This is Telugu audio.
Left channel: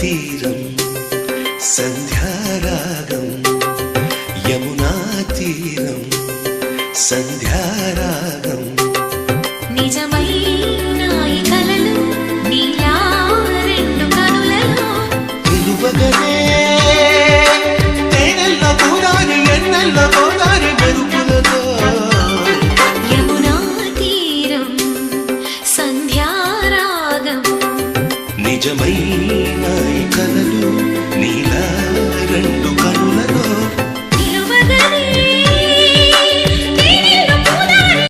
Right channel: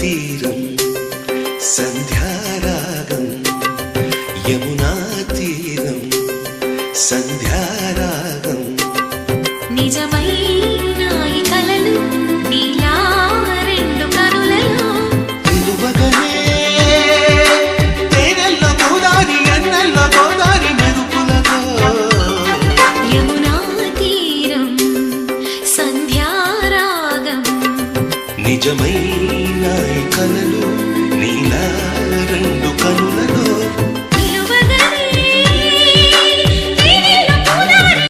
తీరం సంధ్యారాగం యమునా తీరం సంధ్యారాగం నిజమైన ఈ కలలు నీలా రెండు కనులలో నిలువగనే తేనెల్లో గోదారి ఎన్నెల్లో గోదారి మెరుపులతో యమునా తీరం సంధ్యారాగం నిజమైన ఈ కలలు నీలా రెండు కనులలో